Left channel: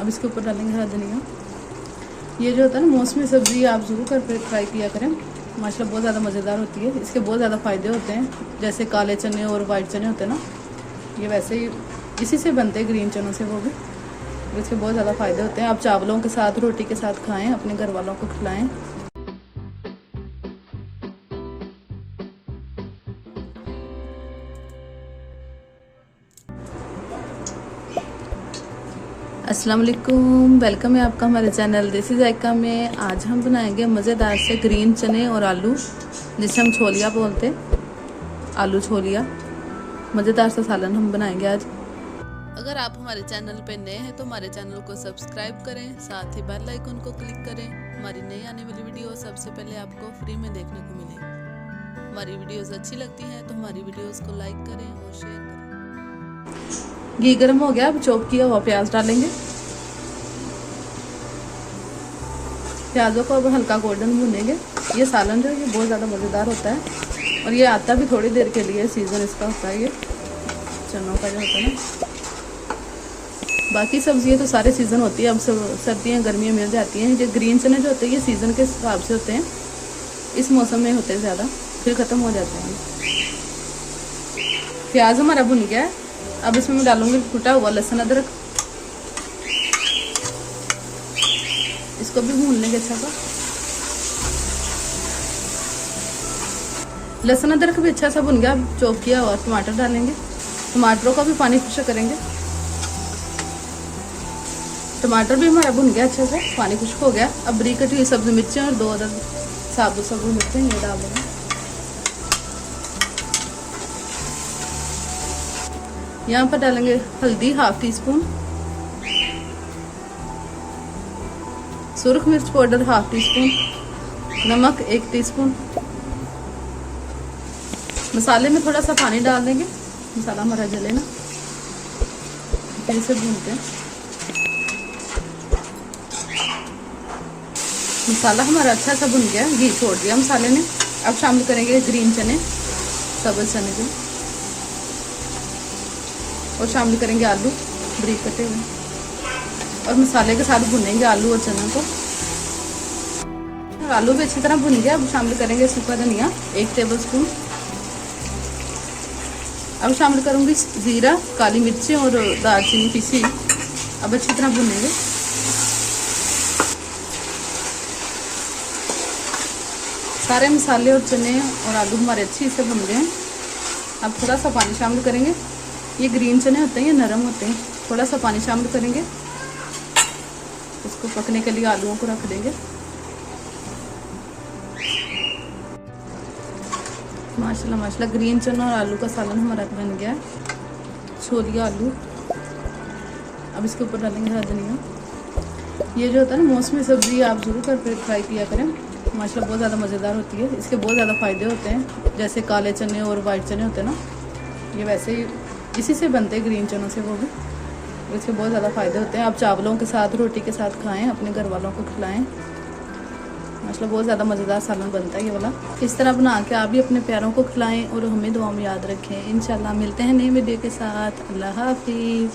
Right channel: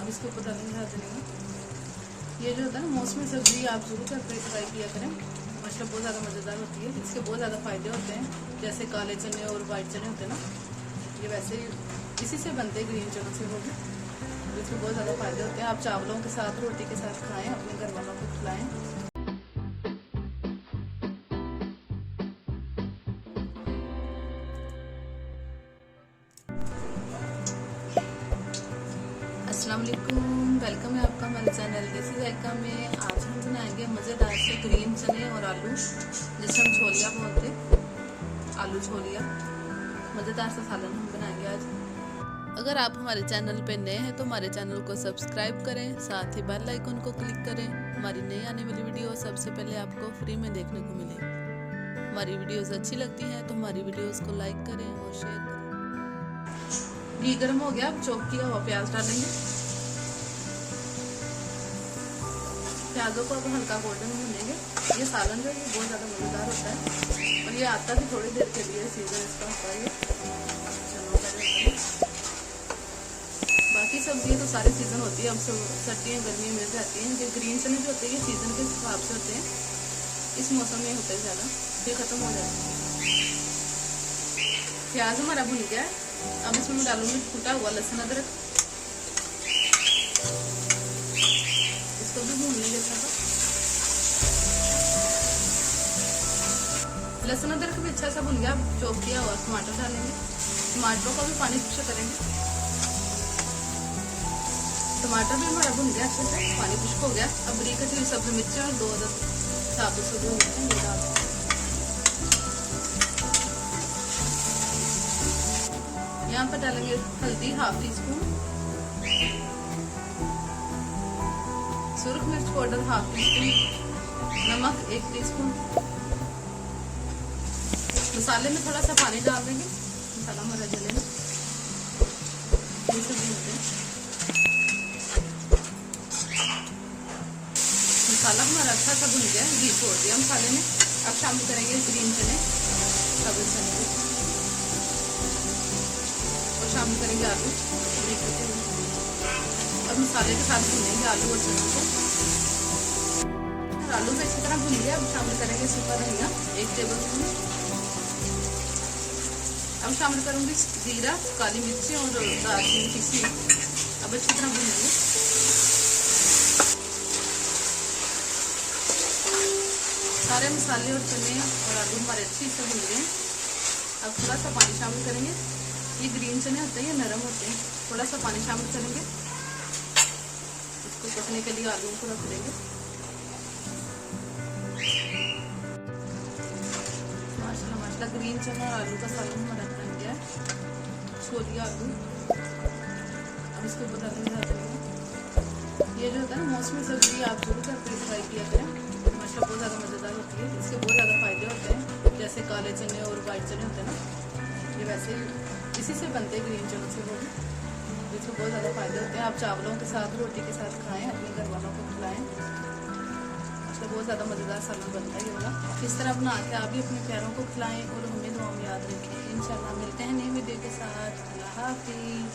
अब इसके ऊपर डालेंगे हरा धनिया। ये जो होता है ना मौसमी सब्ज़ी, आप ज़रूर करके ट्राई किया करें, माशाल्लाह बहुत ज़्यादा मज़ेदार होती है। इसके बहुत ज़्यादा फ़ायदे होते हैं, जैसे काले चने और वाइट चने होते हैं ना, ये वैसे ही इसी से बनते हैं, ग्रीन चनों से, वो भी इसके बहुत ज़्यादा फ़ायदे होते हैं। आप चावलों के साथ, रोटी के साथ खाएँ, अपने घर वालों को खिलाएँ। अस्सलाम वालेकुम, वेलकम है आपका हमारे चैनल देसी जायका में। आज हम बनाएंगे मज़ेदार से ग्रीन चने और आलू, जिसे हम छोलिया बोलते हैं, आलू छोलिया। मज़ेदार सा सालन हम बनाएंगे आज। अगर आप हमारे चैनल पे नए हैं तो हमारे चैनल को सब्सक्राइब करें, साथ ही बेल आइकन को क्लिक करें। हमारी नई आने वाली वीडियो सबसे पहले आपको फ्री में देखने को मिलेगी। हमारी वीडियोस अच्छी लगती हैं तो हमारी वीडियोस को लाइक करें और शेयर करें। घी गर्म हो गया, अब चॉप किया हुआ प्याज डालेंगे। प्याजों को अब हल्का गोल्डन भूनेंगे। ये सालन जो है ये बहुत ज़्यादा मज़ेदार होता है और ये आता भी थोड़ी देर के लिए, सीज़न इसका होता है, ये चनों का जो होता है ना। बाकी सब्जियाँ तो सारे सीज़न होती है, अब सर्दियाँ गर्मियाँ मिल जाती हैं। जो ग्रीन चने जो होते हैं ये सीज़न के हिसाब से होते हैं, इस मौसम में होते हैं ज़्यादा, फिर ख़त्म हो जाते हैं। प्याज हमारा भुन गया है, अब इसमें मैं डालूंगी कुटा हुआ लहसुन अदरक। इसको भी भून लेंगे अच्छा सा। लहसुन अदरक भी अच्छा सा भुन गया, अब चॉप किया हुआ टमाटर डालेंगे। टमाटरों का भी पानी खुश्क करेंगे। टमाटर भी हमारा भुन गया अच्छा सा, पानी खुश्क हो गया। अब बरीक कटी हुई सब्जी मिर्चें और 2 अदद साबुत सब्जी मिर्चें ये डाल देंगे। यहाँ पर डालेंगे हल्दी हाफ टी स्पून, सुरख मिर्च पाउडर हाफ टी स्पून, नमक 1 टीस्पून। मसाले में थोड़ा सा पानी डाल देंगे, मसाला हमारा जले ना, फिर इसे भूनते हैं। मसाला हमारा अच्छा सा भुन गया, घी छोड़ दिया मसाले ने। अब शामिल करेंगे ग्रीन चने, सब्ज चने को, और शामिल करेंगे आलू बरीक कटे हुए, और मसाले के साथ भुनेंगे आलू और चना को। आलू भी अच्छी तरह भुन गया। अब शामिल करेंगे सूखा धनिया 1 टेबलस्पून। अब शामिल करूंगी जीरा, काली मिर्ची और दालचीनी पीसी। अब अच्छी तरह भुनेंगे। सारे मसाले और चने और आलू हमारे अच्छी से भुन गए हैं। अब थोड़ा सा पानी शामिल करेंगे। ये ग्रीन चने होते हैं, ये नरम होते हैं, थोड़ा सा पानी शामिल करेंगे। इसको पकने के लिए आलूओं को रख देंगे। माशाल्लाह माशाल्लाह ग्रीन चना और आलू का सालन हमारा बन गया है, छोलिया आलू। अब इसके ऊपर डालेंगे हरा धनिया। ये जो होता है ना मौसमी सब्जी, आप ज़रूर करके ट्राई किया करें, माशाल्लाह बहुत ज़्यादा मज़ेदार होती है। इसके बहुत ज़्यादा फ़ायदे होते हैं, जैसे काले चने और वाइट चने होते हैं ना, ये वैसे ही इसी से बनते हैं, ग्रीन चनों से, वो भी इसके बहुत ज़्यादा फ़ायदे होते हैं। आप चावलों के साथ, रोटी के साथ खाएँ, अपने घर वालों को खिलाएँ। माशाल्लाह बहुत ज़्यादा मज़ेदार सालन बनता है ये वाला। इस तरह बना के आप भी अपने प्यारों को खिलाएं और हमें दुआ में याद रखें। इंशाल्लाह मिलते हैं नई वीडियो के साथ। अल्लाह हाफिज़।